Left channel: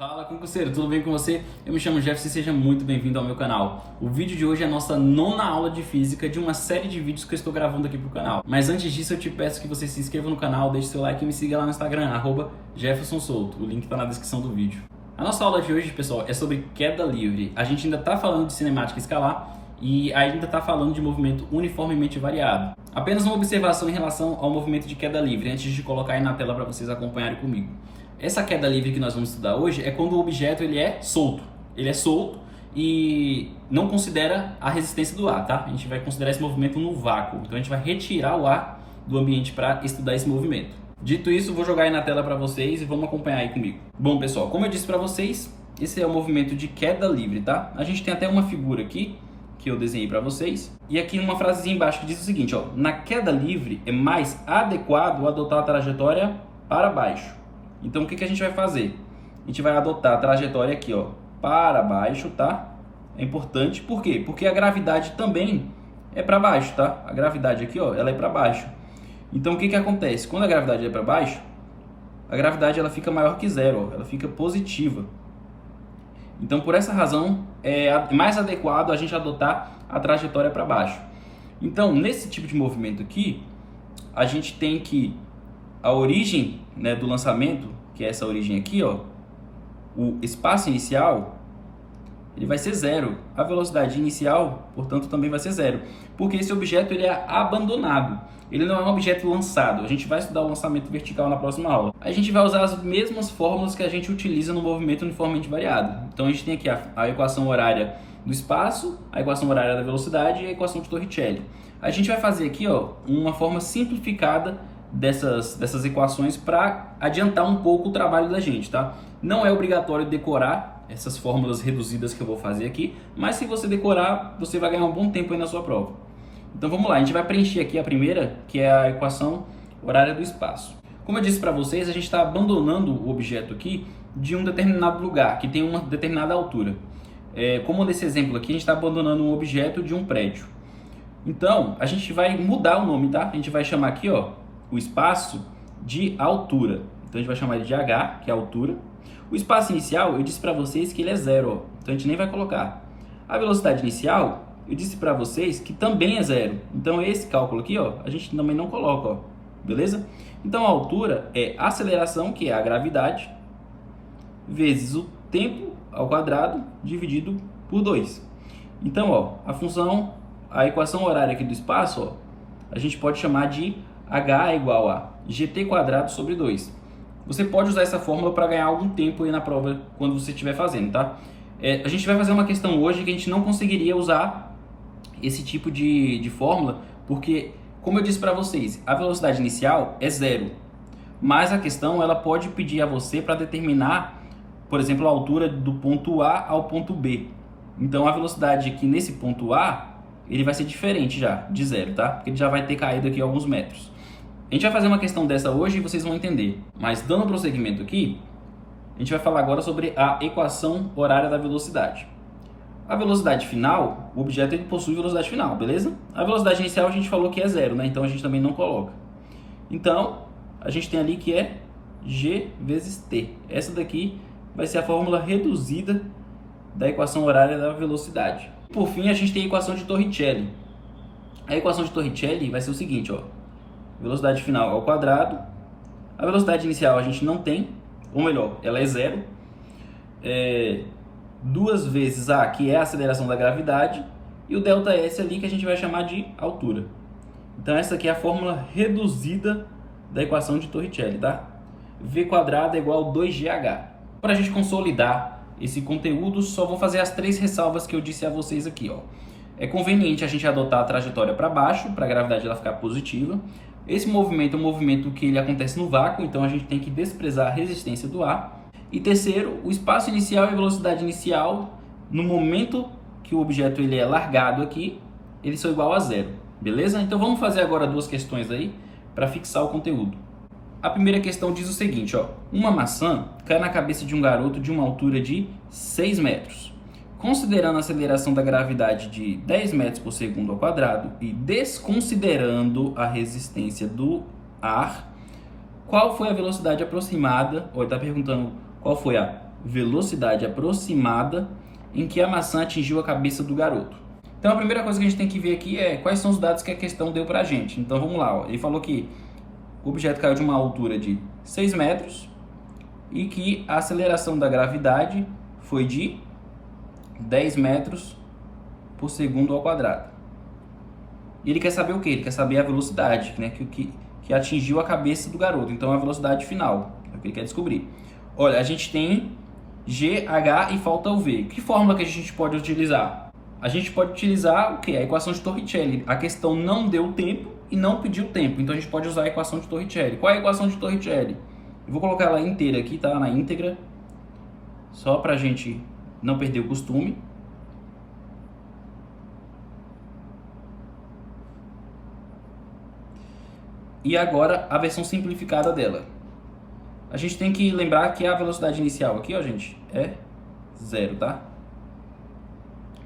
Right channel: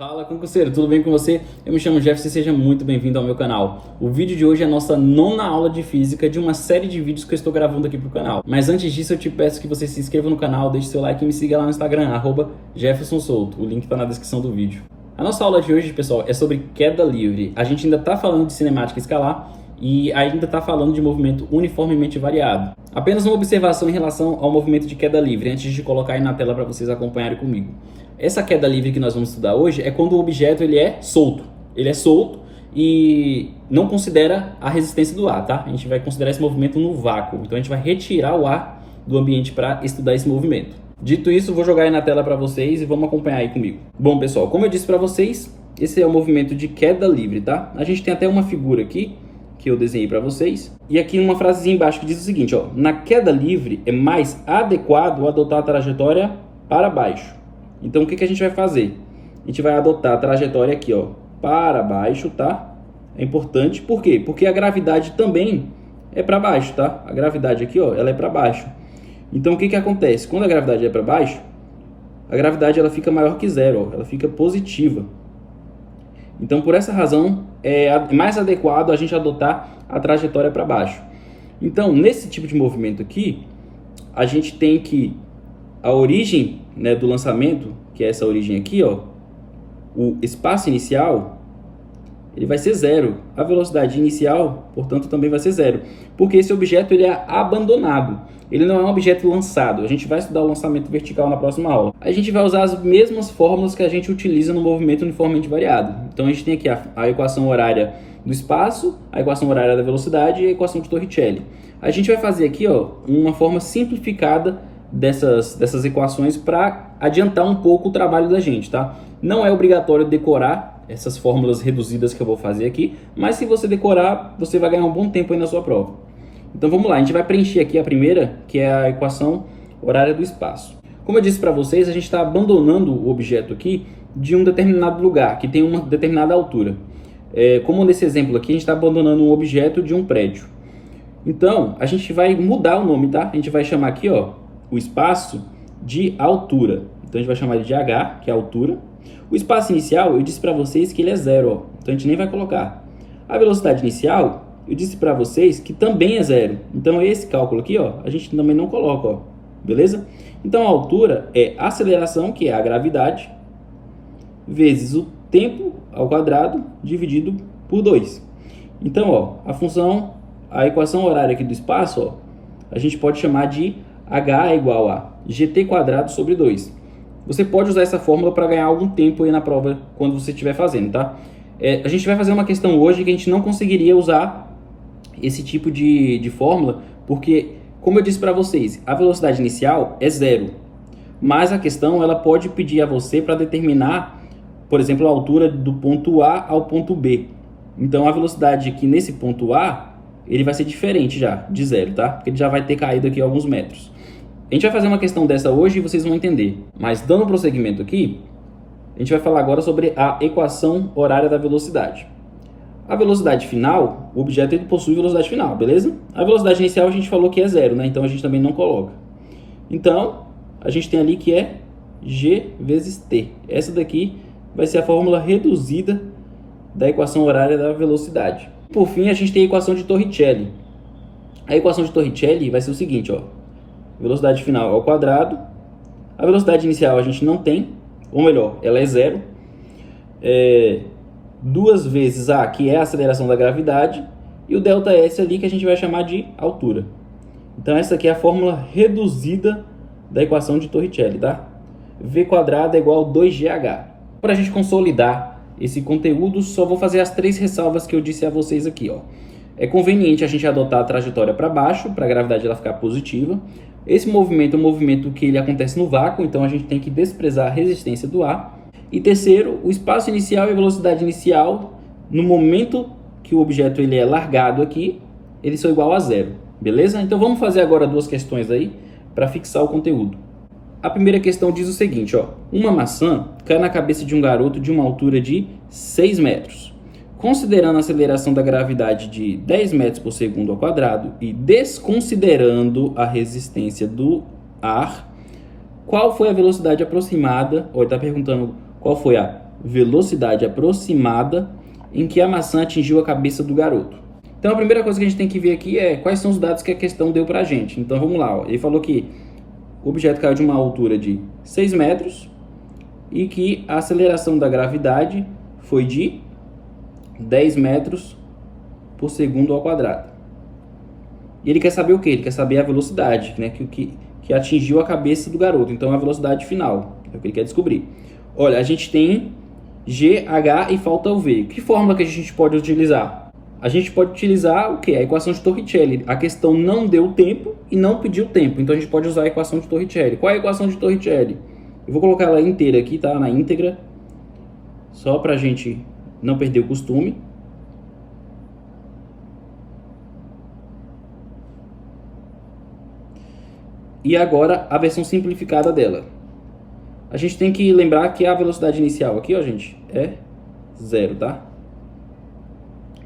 Fala concurseiro, tudo bem com você? Eu me chamo Jefferson e seja muito bem-vindo ao meu canal. O vídeo de hoje é a nossa 9ª aula de física de uma série de vídeos que eu estou gravando aqui pro canal. Mas antes disso eu te peço que você se inscreva no canal, deixe seu like e me siga lá no Instagram, @JeffersonSouto. O link está na descrição do vídeo. A nossa aula de hoje, pessoal, é sobre queda livre. A gente ainda está falando de cinemática escalar e ainda está falando de movimento uniformemente variado. Apenas uma observação em relação ao movimento de queda livre, antes de colocar aí na tela para vocês acompanharem comigo. Essa queda livre que nós vamos estudar hoje é quando o objeto ele é solto. Ele é solto e não considera a resistência do ar, tá? A gente vai considerar esse movimento no vácuo. Então a gente vai retirar o ar do ambiente para estudar esse movimento. Dito isso, vou jogar aí na tela para vocês e vamos acompanhar aí comigo. Bom, pessoal, como eu disse para vocês, esse é o movimento de queda livre, tá? A gente tem até uma figura aqui que eu desenhei para vocês. E aqui uma frasezinha embaixo que diz o seguinte, ó: na queda livre é mais adequado adotar a trajetória para baixo. Então, o que a gente vai fazer? A gente vai adotar a trajetória aqui, ó, para baixo, tá? É importante, por quê? Porque a gravidade também é para baixo, tá? A gravidade aqui, ó, ela é para baixo. Então, o que acontece? Quando a gravidade é para baixo, a gravidade ela fica maior que zero, ó, ela fica positiva. Então, por essa razão, é mais adequado a gente adotar a trajetória para baixo. Então, nesse tipo de movimento aqui, a gente tem que a origem, né, do lançamento, que é essa origem aqui, ó, o espaço inicial, ele vai ser zero. A velocidade inicial, portanto, também vai ser zero. Porque esse objeto ele é abandonado. Ele não é um objeto lançado. A gente vai estudar o lançamento vertical na próxima aula. A gente vai usar as mesmas fórmulas que a gente utiliza no movimento uniformemente variado. Então, a gente tem aqui a equação horária do espaço, a equação horária da velocidade e a equação de Torricelli. A gente vai fazer aqui, ó, uma forma simplificada dessas equações para adiantar um pouco o trabalho da gente, tá? Não é obrigatório decorar essas fórmulas reduzidas que eu vou fazer aqui, mas se você decorar, você vai ganhar um bom tempo aí na sua prova. Então vamos lá, a gente vai preencher aqui a primeira, que é a equação horária do espaço. Como eu disse para vocês, a gente está abandonando o objeto aqui de um determinado lugar, que tem uma determinada altura. Como nesse exemplo aqui, a gente está abandonando um objeto de um prédio. Então, a gente vai mudar o nome, tá? A gente vai chamar aqui, ó, o espaço de altura. Então a gente vai chamar ele de H, que é a altura. O espaço inicial, eu disse para vocês que ele é zero, ó. Então a gente nem vai colocar. A velocidade inicial, eu disse para vocês que também é zero. Então esse cálculo aqui, ó, a gente também não coloca, ó. Beleza? Então a altura é a aceleração, que é a gravidade, vezes o tempo ao quadrado dividido por 2. Então, ó, a equação horária aqui do espaço, ó, a gente pode chamar de H é igual a gt² sobre 2. Você pode usar essa fórmula para ganhar algum tempo aí na prova quando você estiver fazendo, tá? A gente vai fazer uma questão hoje que a gente não conseguiria usar esse tipo de fórmula, porque, como eu disse para vocês, a velocidade inicial é zero. Mas a questão ela pode pedir a você para determinar, por exemplo, a altura do ponto A ao ponto B. Então a velocidade aqui nesse ponto A, ele vai ser diferente já, de zero, tá? Porque ele já vai ter caído aqui alguns metros. A gente vai fazer uma questão dessa hoje e vocês vão entender. Mas dando prosseguimento aqui, a gente vai falar agora sobre a equação horária da velocidade. A velocidade final, o objeto ele possui velocidade final, beleza? A velocidade inicial a gente falou que é zero, né? Então a gente também não coloca. Então, a gente tem ali que é G vezes T. Essa daqui vai ser a fórmula reduzida da equação horária da velocidade. Por fim, a gente tem a equação de Torricelli. A equação de Torricelli vai ser o seguinte, ó. Velocidade final ao quadrado. A velocidade inicial a gente não tem, ou melhor, ela é zero. 2 vezes A, que é a aceleração da gravidade, e o ΔS ali que a gente vai chamar de altura. Então essa aqui é a fórmula reduzida da equação de Torricelli, tá? V² é igual a 2GH. Para a gente consolidar esse conteúdo, só vou fazer as 3 ressalvas que eu disse a vocês aqui, ó. É conveniente a gente adotar a trajetória para baixo, para a gravidade ela ficar positiva. Esse movimento é um movimento que ele acontece no vácuo, então a gente tem que desprezar a resistência do ar. E terceiro, o espaço inicial e a velocidade inicial, no momento que o objeto ele é largado aqui, eles são igual a zero, beleza? Então vamos fazer agora 2 questões aí para fixar o conteúdo. A primeira questão diz o seguinte, ó: uma maçã cai na cabeça de um garoto de uma altura de 6 metros. Considerando a aceleração da gravidade de 10 metros por segundo ao quadrado e desconsiderando a resistência do ar, qual foi a velocidade aproximada, ou ele está perguntando qual foi a velocidade aproximada em que a maçã atingiu a cabeça do garoto. Então a primeira coisa que a gente tem que ver aqui é quais são os dados que a questão deu pra gente. Então vamos lá, ó. Ele falou que o objeto caiu de uma altura de 6 metros e que a aceleração da gravidade foi de 10 metros por segundo ao quadrado. E ele quer saber o quê? Ele quer saber a velocidade, né, que atingiu a cabeça do garoto. Então a velocidade final é o que ele quer descobrir. Olha, a gente tem G, H e falta o V. Que fórmula que a gente pode utilizar? A gente pode utilizar o quê? A equação de Torricelli. A questão não deu tempo e não pediu tempo. Então a gente pode usar a equação de Torricelli. Qual é a equação de Torricelli? Eu vou colocar ela inteira aqui, tá? Na íntegra. Só pra gente não perder o costume. E agora a versão simplificada dela. A gente tem que lembrar que a velocidade inicial aqui, ó, gente, é 0, tá?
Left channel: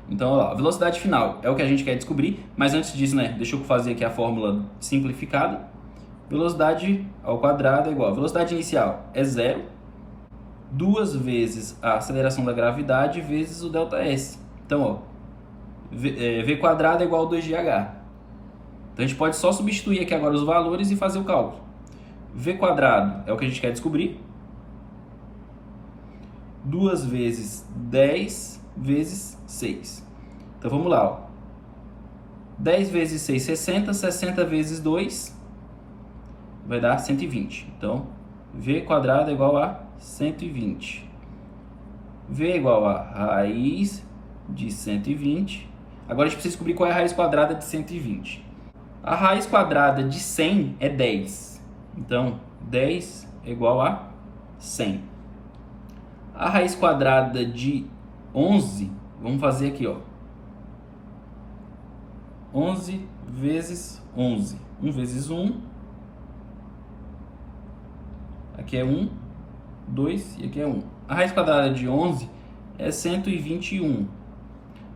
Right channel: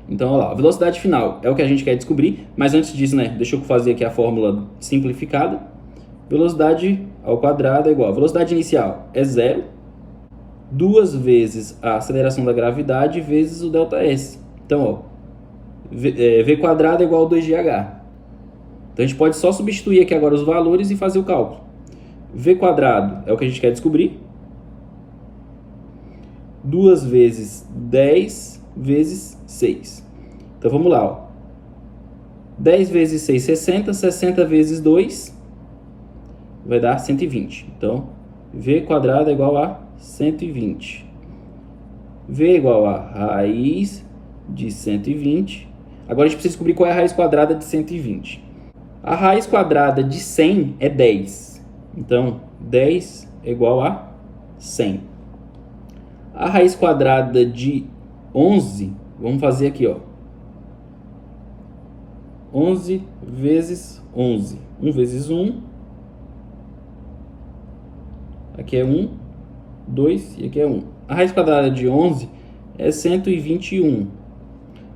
Então, olha lá, a velocidade final é o que a gente quer descobrir, mas antes disso, né, deixa eu fazer aqui a fórmula simplificada. Velocidade ao quadrado é igual a velocidade inicial é 0, 2 vezes a aceleração da gravidade vezes o ΔS. Então, ó, V quadrado é igual a 2GH. Então, a gente pode só substituir aqui agora os valores e fazer o cálculo. V quadrado é o que a gente quer descobrir. 2 vezes 10 vezes 6. Então, vamos lá, ó. 10 vezes 6, 60. 60 vezes 2 vai dar 120. Então, V quadrado é igual a 120. V é igual a raiz de 120. Agora, a gente precisa descobrir qual é a raiz quadrada de 120. A raiz quadrada de 100 é 10. Então, 10 é igual a 100. A raiz quadrada de 11, vamos fazer aqui, ó. 11 vezes 11. 1 vezes 1. Aqui é 1, 2 e aqui é 1. A raiz quadrada de 11 é 121.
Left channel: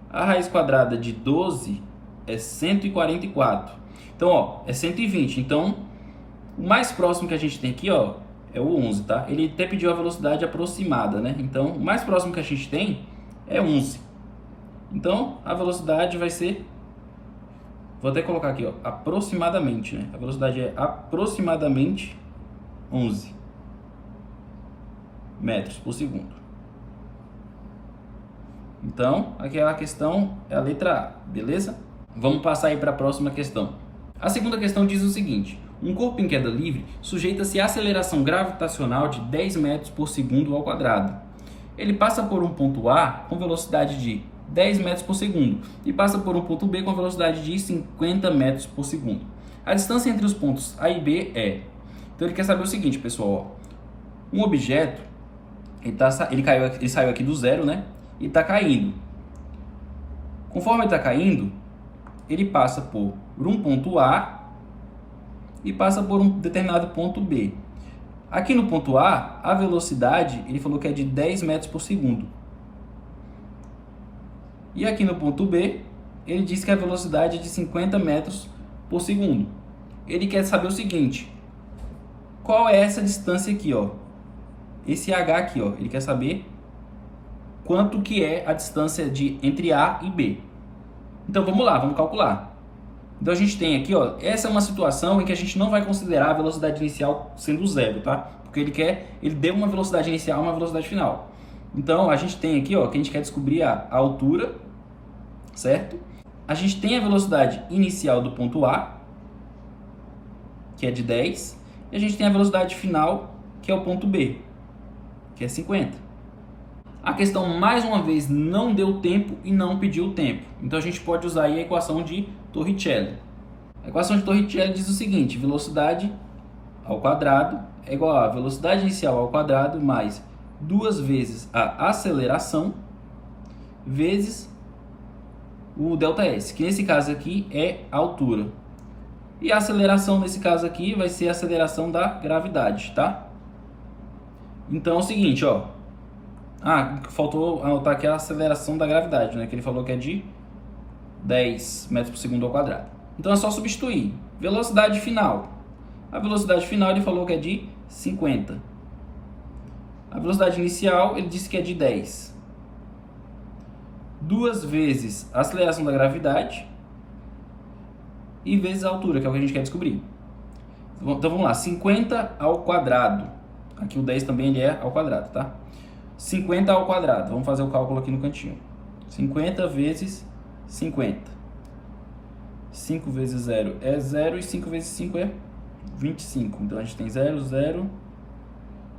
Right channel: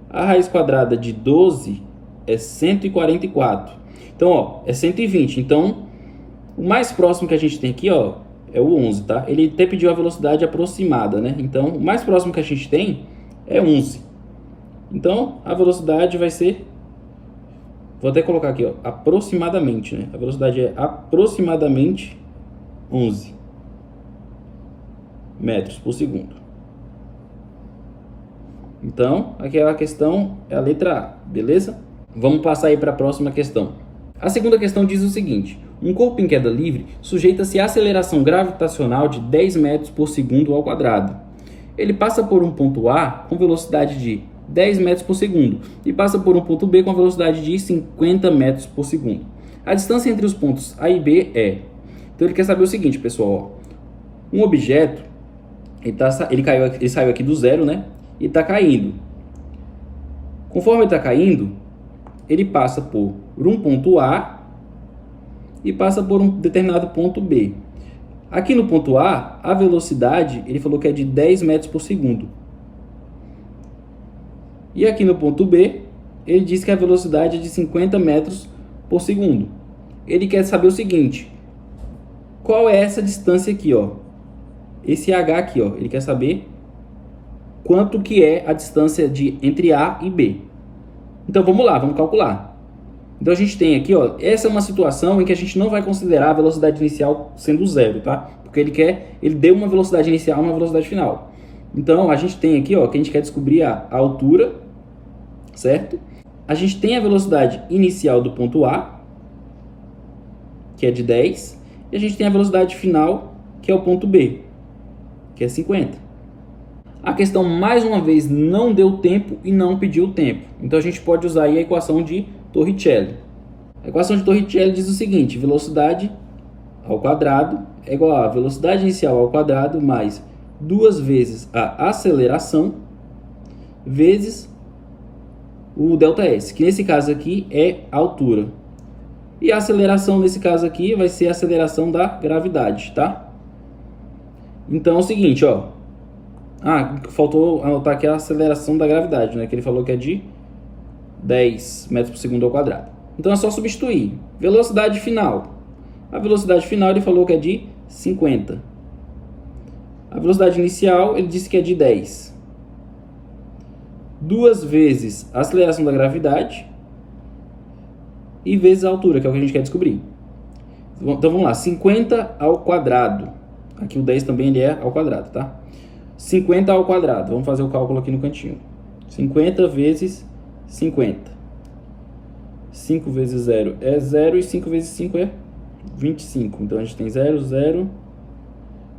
A raiz quadrada de 12 é 144. Então, ó, é 120. Então, o mais próximo que a gente tem aqui, ó, é o 11, tá? Ele até pediu a velocidade aproximada, né? Então, o mais próximo que a gente tem é 11. Então, a velocidade vai ser... Vou até colocar aqui, ó, aproximadamente, né? A velocidade é aproximadamente 11 metros por segundo. Então, aqui a questão é a letra A, beleza? Vamos passar aí para a próxima questão. A segunda questão diz o seguinte: um corpo em queda livre sujeita-se à aceleração gravitacional de 10 metros por segundo ao quadrado. Ele passa por um ponto A com velocidade de 10 metros por segundo e passa por um ponto B com velocidade de 50 metros por segundo. A distância entre os pontos A e B é... Então ele quer saber o seguinte, pessoal, ó. Um objeto, ele saiu aqui do zero, né? E está caindo. Conforme ele está caindo, ele passa por um ponto A e passa por um determinado ponto B. Aqui no ponto A, a velocidade, ele falou que é de 10 metros por segundo. E aqui no ponto B, ele diz que a velocidade é de 50 metros por segundo. Ele quer saber o seguinte: qual é essa distância aqui, ó? Esse H aqui, ó, ele quer saber quanto que é a distância entre A e B. Então vamos lá, vamos calcular. Então a gente tem aqui, ó, essa é uma situação em que a gente não vai considerar a velocidade inicial sendo zero, tá? Porque ele deu uma velocidade inicial e uma velocidade final. Então a gente tem aqui, ó, que a gente quer descobrir a altura, certo? A gente tem a velocidade inicial do ponto A, que é de 10, e a gente tem a velocidade final, que é o ponto B, que é 50. A questão, mais uma vez, não deu tempo e não pediu tempo. Então, a gente pode usar aí a equação de Torricelli. A equação de Torricelli diz o seguinte: velocidade ao quadrado é igual a velocidade inicial ao quadrado mais 2 vezes a aceleração vezes o ΔS, que nesse caso aqui é a altura. E a aceleração nesse caso aqui vai ser a aceleração da gravidade, tá? Então é o seguinte, ó. Faltou anotar aqui a aceleração da gravidade, né? Que ele falou que é de 10 metros por segundo ao quadrado. Então é só substituir. Velocidade final. A velocidade final ele falou que é de 50. A velocidade inicial, ele disse que é de 10. 2 vezes a aceleração da gravidade e vezes a altura, que é o que a gente quer descobrir. Então vamos lá, 50 ao quadrado. Aqui o 10 também ele é ao quadrado, tá? 50 ao quadrado. Vamos fazer o cálculo aqui no cantinho. 50 vezes 50. 5 vezes 0 é 0 e 5 vezes 5 é 25. Então a gente tem 0, 0,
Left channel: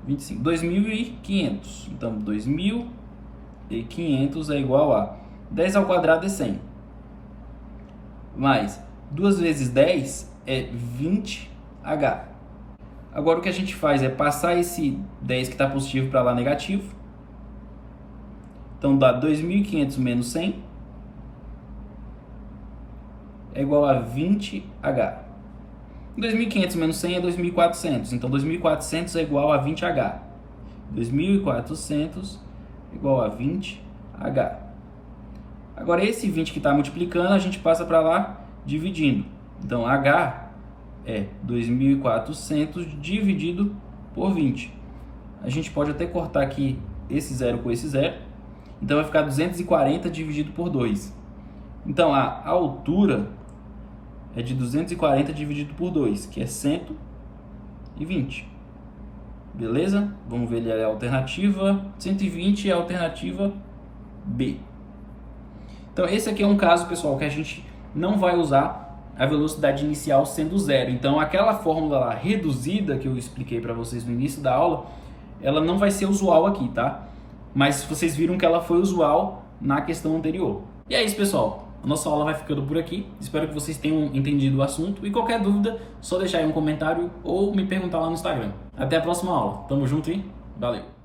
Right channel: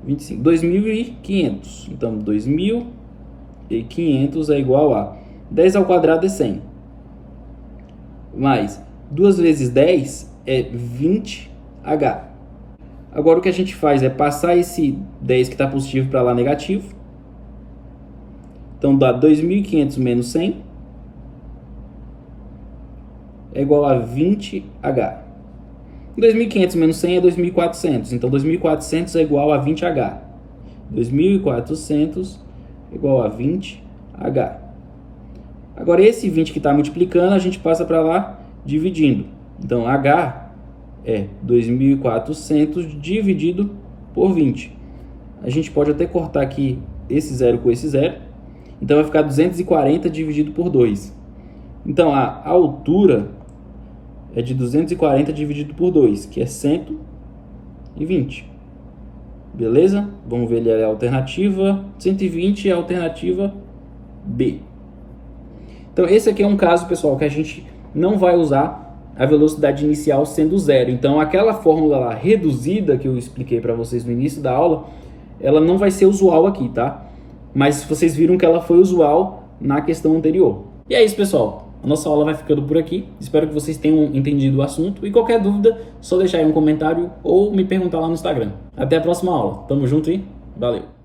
25. 2.500. Então 2.500 é igual a 10 ao quadrado é 100. Mais 2 vezes 10 é 20H. Agora o que a gente faz é passar esse 10 que está positivo para lá negativo. Então dá 2.500 menos 100 é igual a 20H. 2.500 menos 100 é 2.400. Então 2.400 é igual a 20H. 2.400 é igual a 20H. Agora esse 20 que está multiplicando, a gente passa para lá dividindo. Então H é 2.400 dividido por 20. A gente pode até cortar aqui esse zero com esse zero. Então vai ficar 240 dividido por 2. Então a altura é de 240 dividido por 2, que é 120. Beleza? Vamos ver ali a alternativa. 120 é a alternativa B. Então esse aqui é um caso, pessoal, que a gente não vai usar a velocidade inicial sendo zero. Então aquela fórmula lá reduzida que eu expliquei para vocês no início da aula, ela não vai ser usual aqui, tá? Mas vocês viram que ela foi usual na questão anterior. E é isso, pessoal. A nossa aula vai ficando por aqui. Espero que vocês tenham entendido o assunto. E qualquer dúvida, só deixar aí um comentário ou me perguntar lá no Instagram. Até a próxima aula. Tamo junto e valeu!